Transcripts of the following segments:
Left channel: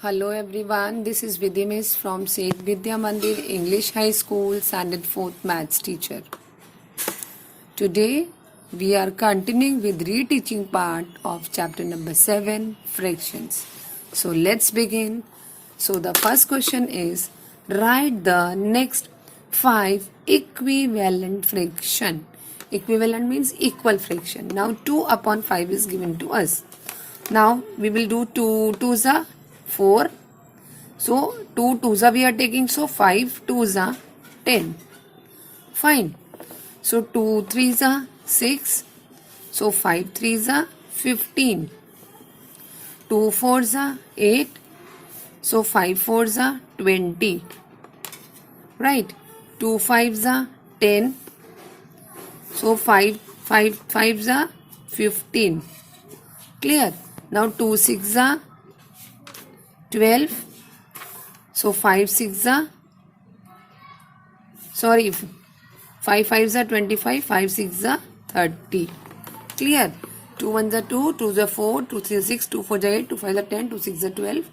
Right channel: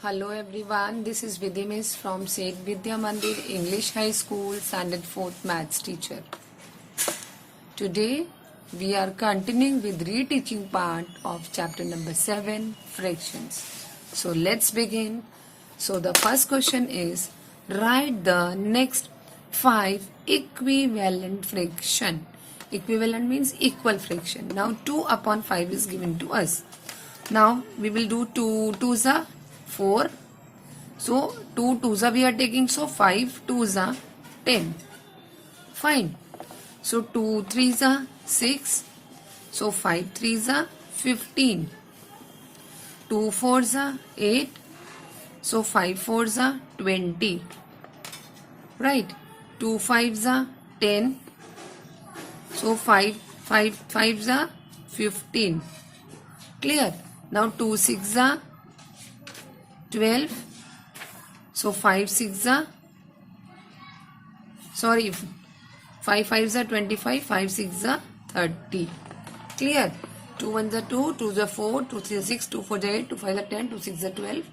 Hello everyone, this is Vidya Miss from Seth Vidya Mandir English High School, Standard 4th Maths teacher. Today we are continuing with reteaching part of chapter number 7, fractions. So let's begin. So the first question is, write the next 5 equivalent fraction. Equivalent means equal fraction. Now 2 upon 5 is given to us. Now we will do 2 2s are 4. So 2 2s are we are taking, so 5 2s are 10. Fine. So 2 3s are 6. So 5 3s are 15. 2 4s are 8. So 5 4s are 20. Right. 2 5s are 10. So 5 5s are 15. Clear? Now 2 6s are 12. So 5 6s are 5 5s are 25. 5 6s are 30. Clear? 2 1s are 2. 2s are 4. 2 3s are 6. 2 4s are 8. 2 5s are 10. 2 6s are 12.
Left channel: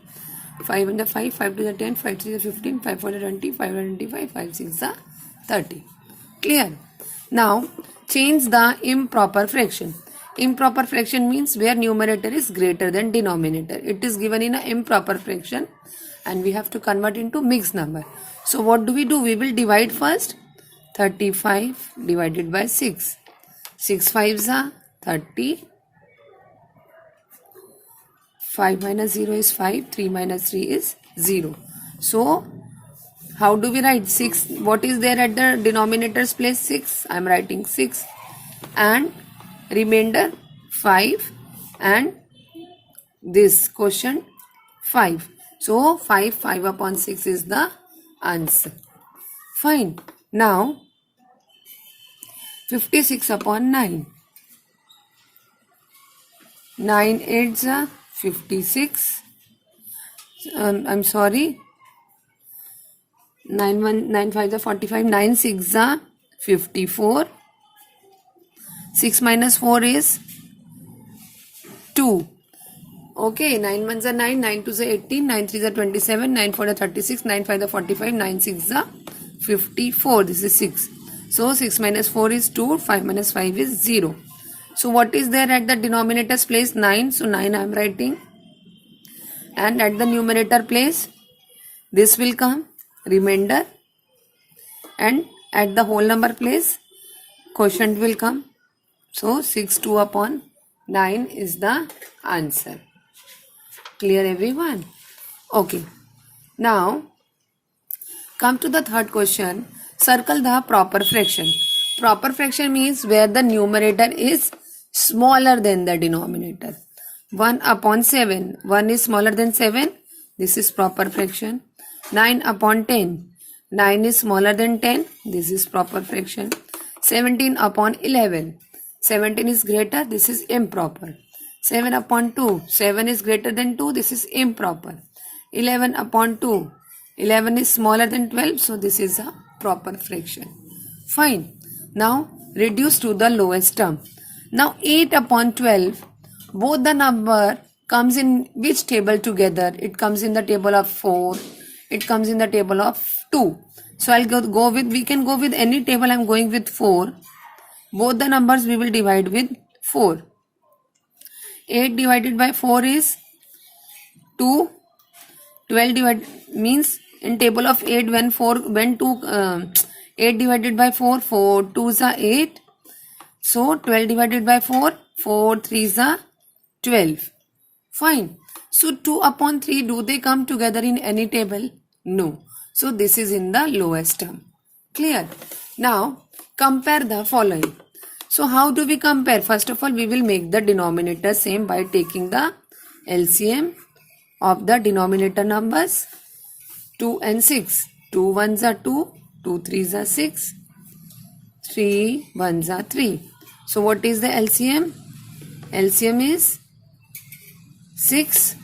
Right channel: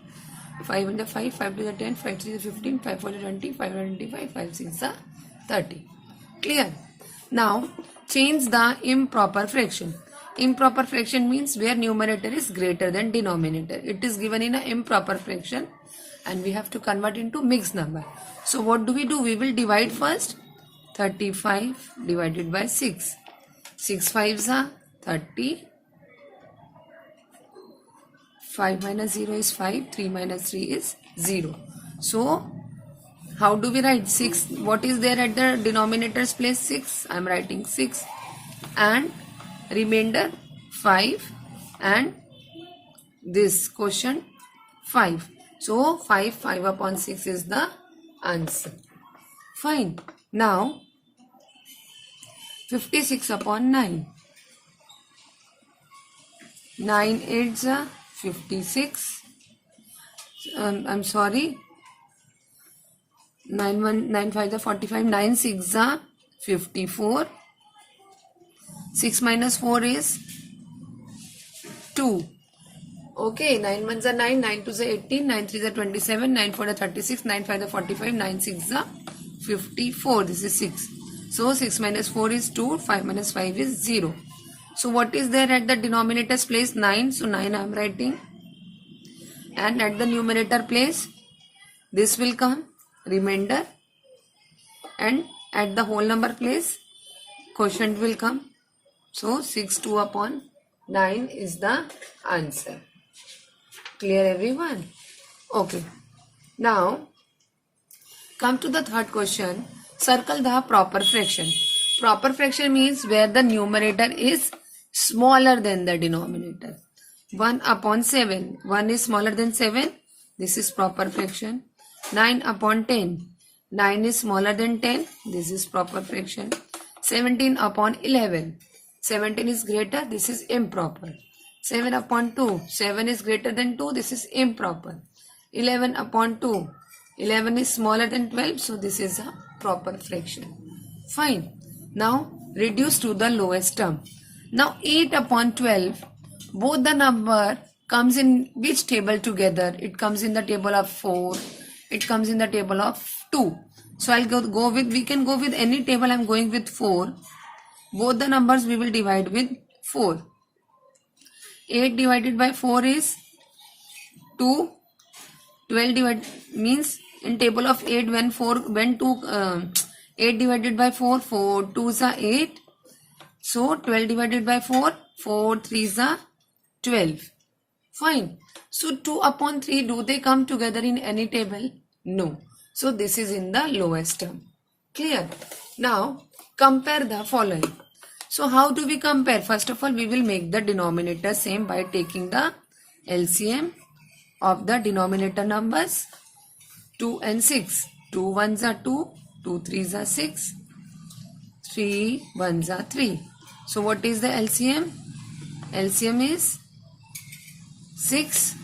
5 1s are 5. 5 2s are 10. 5 3s are 15. 5 4s are 20. 5 1 are 25. 5 6s are 30. Clear? Now change the improper fraction. Improper fraction means where numerator is greater than denominator. It is given in an improper fraction and we have to convert into mixed number. So what do? We will divide first. 35 divided by 6. 6 5s are 30. 5 minus 0 is 5. 3 minus 3 is 0. So how do we write 6? What is there at the denominator's place? 6. I am writing 6. And remainder 5 and this quotient 5. So 5 upon 6 is the answer. Fine. Now 56 upon 9. 9 8s are 56. I'm sorry. 9 5s are 45. 9 6s are 54. 6 minus 4 is 2. Okay, 9 1s are 9, 9 2s are 18, 9 3s are 27, 9 4 are 36, 9 5 are 45, 9 6 are 54. This is 6. So 6 minus 4 is 2, 5 minus 5 is 0. So what is there at the denominator's place? 9. So 9 I am writing. And at the numerator place, this will come, remainder. And at the whole number place, quotient will come. So 6 2 upon 9 is the answer. Clear everyone? Okay. Now come to the third question. Circle the proper fraction. Proper fraction means where the numerator is smaller than the denominator. 1 upon 7. 1 is smaller than 7. This is proper fraction. 9 upon 10. 9 is smaller than 10. This is proper fraction. 17 upon 11. 17 is greater. This is improper. 7 upon 2. 7 is greater than 2. This is improper. 11 upon 2. 11 is smaller than 12. So this is a proper fraction. Fine. Now reduce to the lowest term. Now 8 upon 12. Both the number comes in which table together? It comes in the table of 4. It comes in the table of 2. So I'll go with, we can go with any table. I'm going with 4. Both the numbers we will divide with 4. 8 divided by 4 is 2. 12 divided means in table of 8 when 8 divided by 4, 4 2s are 8. So 12 divided by 4, 4 3s are 12. Fine. So 2 upon 3, do they come together in any table? No. So this is in the lowest term. Clear? Now compare the following. So how do we compare? First of all, we will make the denominator same by taking the LCM of the denominator numbers 2 and 6. 2 1s are 2, 2 3s are 6, 3 1s are 3. So what is the LCM? LCM is 6.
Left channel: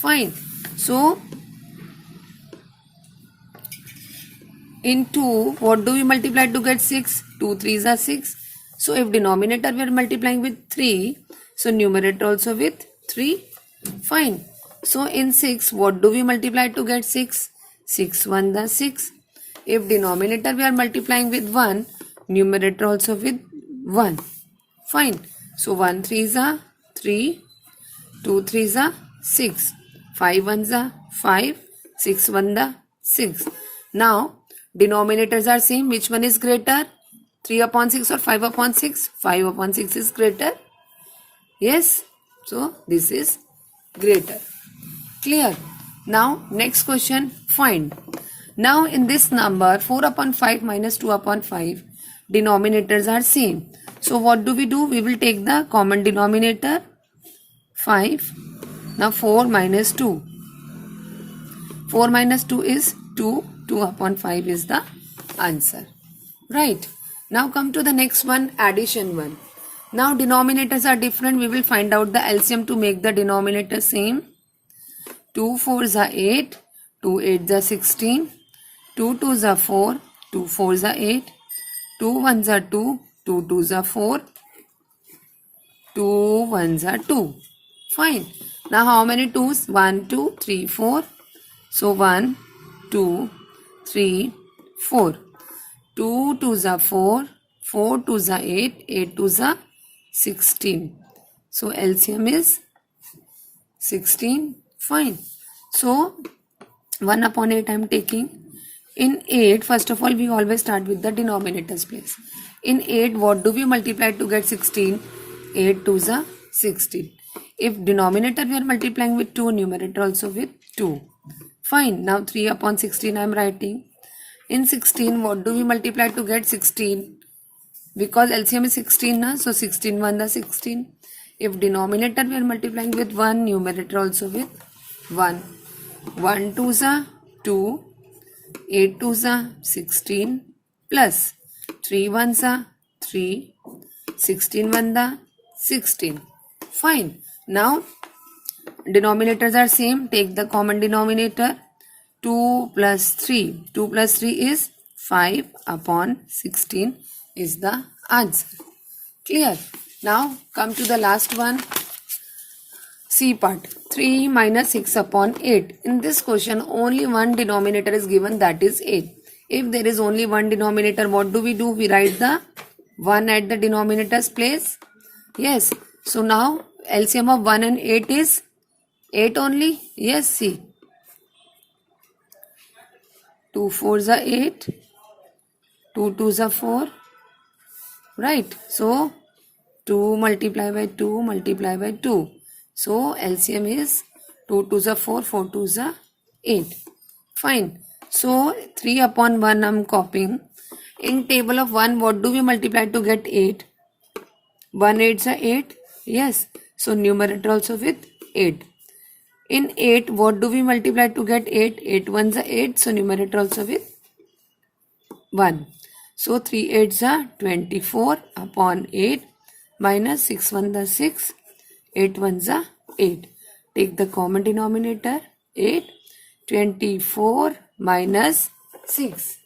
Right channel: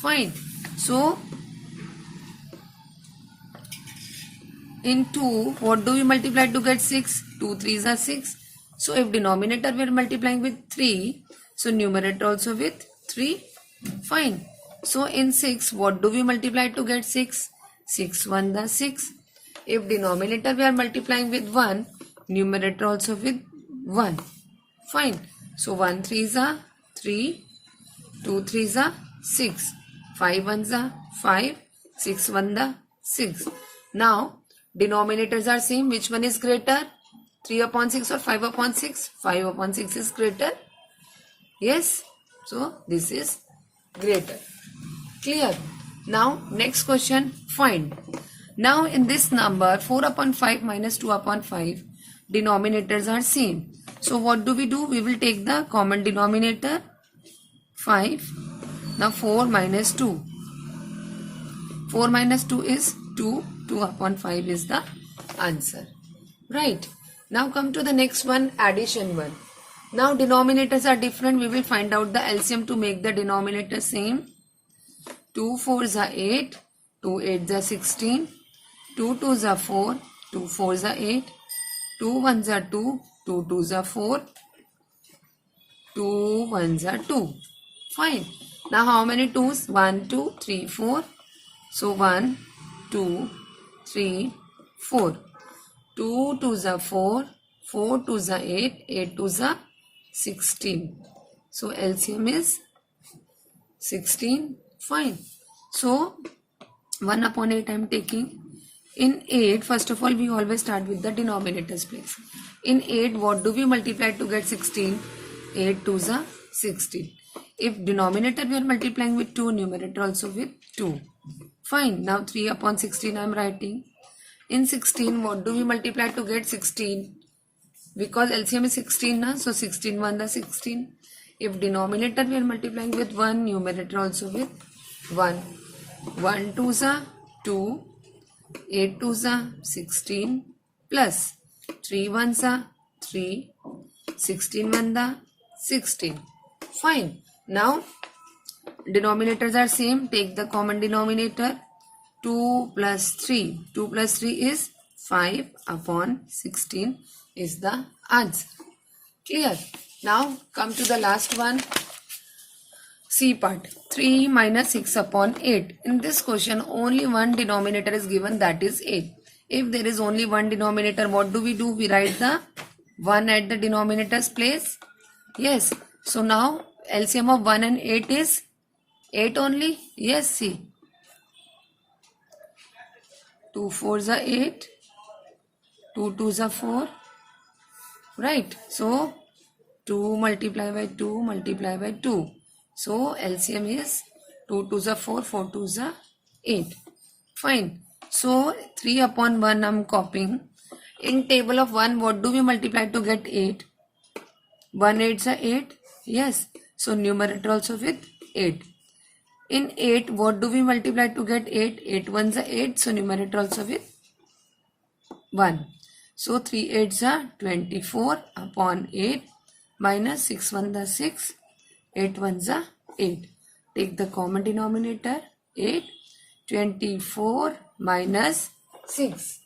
Fine. So in 2, what do we multiply to get 6? 2 3s are 6. So if denominator we are multiplying with 3, so numerator also with 3. Fine. So in 6, what do we multiply to get 6? 6 1 the 6. If denominator we are multiplying with 1, numerator also with 1. Fine. So 1 3 is a 3, 2 3 is a 6, 5 1 is a 5, 6 1 the 6. Now denominators are same. Which one is greater? 3 upon 6 or 5 upon 6? 5 upon 6 is greater. Yes. So this is greater. Clear. Now next question, find. Now in this number 4 upon 5 minus 2 upon 5, denominators are same. So what do? We will take the common denominator 5. Now 4 minus 2. 4 minus 2 is 2. 2 upon 5 is the answer. Right. Now come to the next one, addition one. Now denominators are different. We will find out the LCM to make the denominator same. 2 4s are 8, 2 8s are 16, 2 2s are 4, 2 4s are 8, 2 1s are 2, 2 2s are 4, 2 1s are 2. Fine. Now how many 2s? 1, 2, 3, 4. So 1, 2, 3, 4. 2 2s are 4, 4 2s are 8, 8 2s are 16. So LCM is 16. Fine. So 1 upon 8 I am taking. In 8, first of all, we always start with the denominator's place. In 8, what do we multiply to get 16? 8 2s are 16. If denominator we are multiplying with 2, numerator also with 2. Fine. Now 3 upon 16 I am writing. In 16, what do we multiply to get 16? Because LCM is 16, na? So 16 1 the 16. If denominator we are multiplying with 1, numerator also with 1. 1 2s are 2, 8 2s are 16, plus 3 1s are 3, 16 1 the 16. Fine. Now denominators are same. Take the common denominator. 2 plus 3. 2 plus 3 is 5 upon 16 is the answer. Clear. Now come to the last one. C part. 3 minus 6 upon 8. In this question only one denominator is given, that is 8. If there is only one denominator, what do? We write the 1 at the denominator's place. Yes. So now LCM of 1 and 8 is 8 only. Yes, see. 2 4s are 8. 2 2s are 4. Right. So 2 multiply by 2 multiply by 2. So LCM is 2 2s are 4, 4 2s are 8. Fine. So 3 upon 1 I am copying. In table of 1, what do we multiply to get 8? 1 8s are 8. Yes. So numerator also with 8. In 8, what do we multiply to get 8? 8 1s are 8. So numerator also with 1. So 3 8s are 24 upon 8 minus 6 1 the 6. 8 1s are 8. Take the common denominator 8. 24 minus 6.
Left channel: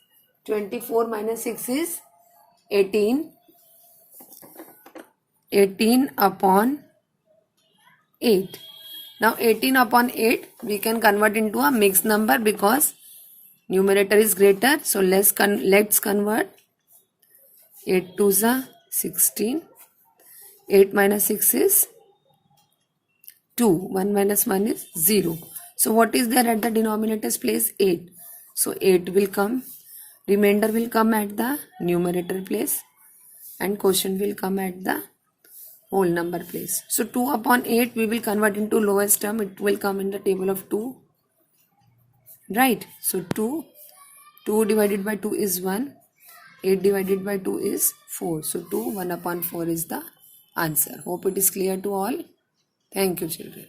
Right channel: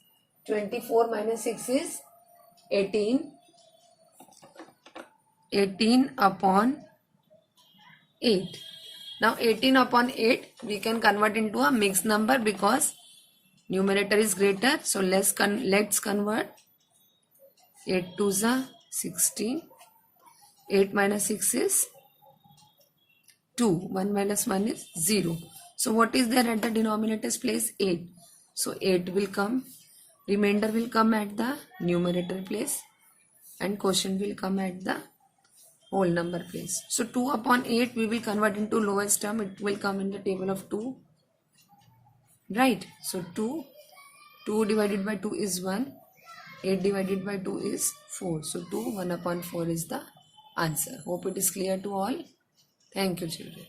24 minus 6 is 18. 18 upon 8. Now 18 upon 8 we can convert into a mixed number because numerator is greater. So let's convert. 8 2s are 16. 8 minus 6 is 2. 1 minus 1 is 0. So what is there at the denominator's place? 8. So 8 will come. Remainder will come at the numerator place. And quotient will come at the whole number place. So 2 upon 8 we will convert into lowest term. It will come in the table of 2. Right. So 2 divided by 2 is 1. 8 divided by 2 is 4. So 2 1 upon 4 is the answer. Hope it is clear to all. Thank you, children.